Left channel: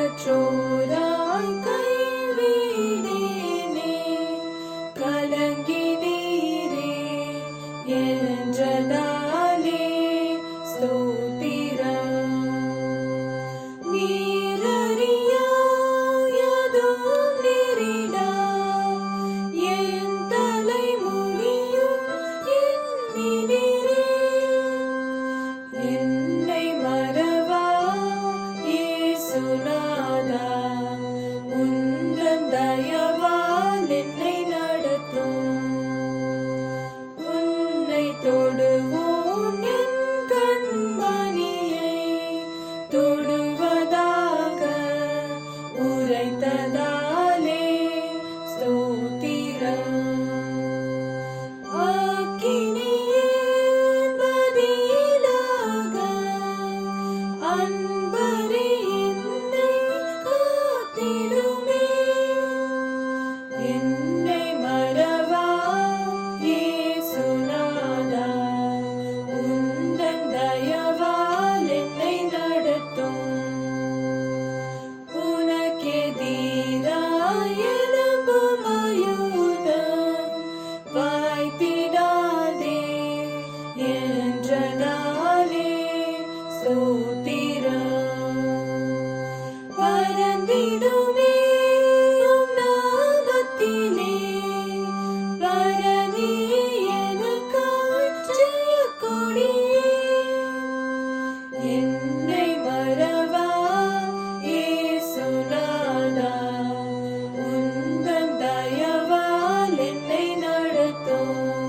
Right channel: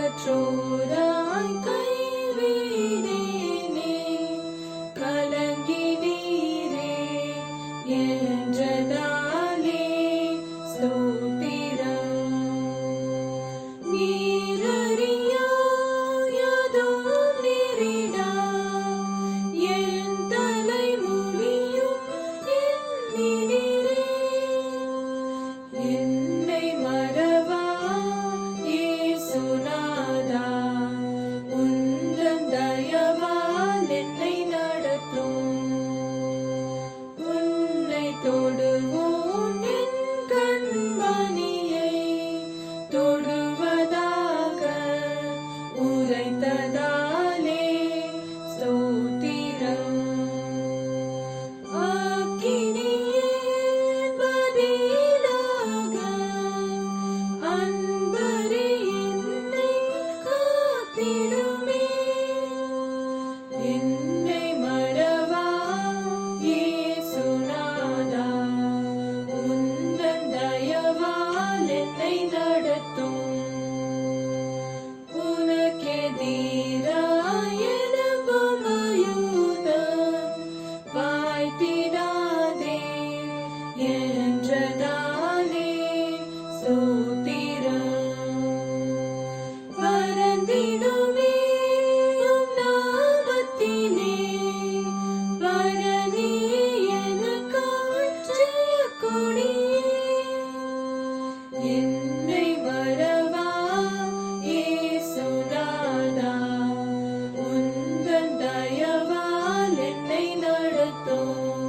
கற்றோராய் கைவிடேனே கலங்கினீரே என்றதாலே ஸ்தோத்திரம். நீரறியாயதும் நேரிடா என் தலைமுடியும் எண்ணினீரே. என்னை மறவா இயேசுநாதா, உந்தன் தயவால் என்னை நடத்தும். உன்னை தொடுவோன் என் கண்மணியை தொடுவதாக உரைத்ததாலே ஸ்தோத்திரம். அக்கினியே பதிலாக அன்பரே என்னை காத்திடுமே. என்னை மறவா இயேசுநாதா, உந்தன் தயவால் என்னை நடத்தும். உனக்கெதிராய் எழும்பும் ஆயுதம் வாய்த்திடாதே என்றதாலே ஸ்தோத்திரம். பறந்திடுமே உம் நாமத்திலே, பரனே எனக்காய் ஜெயக்கொடியே. என்னை மறவா இயேசுநாதா, உந்தன் தயவால் என்னை நடத்தும்.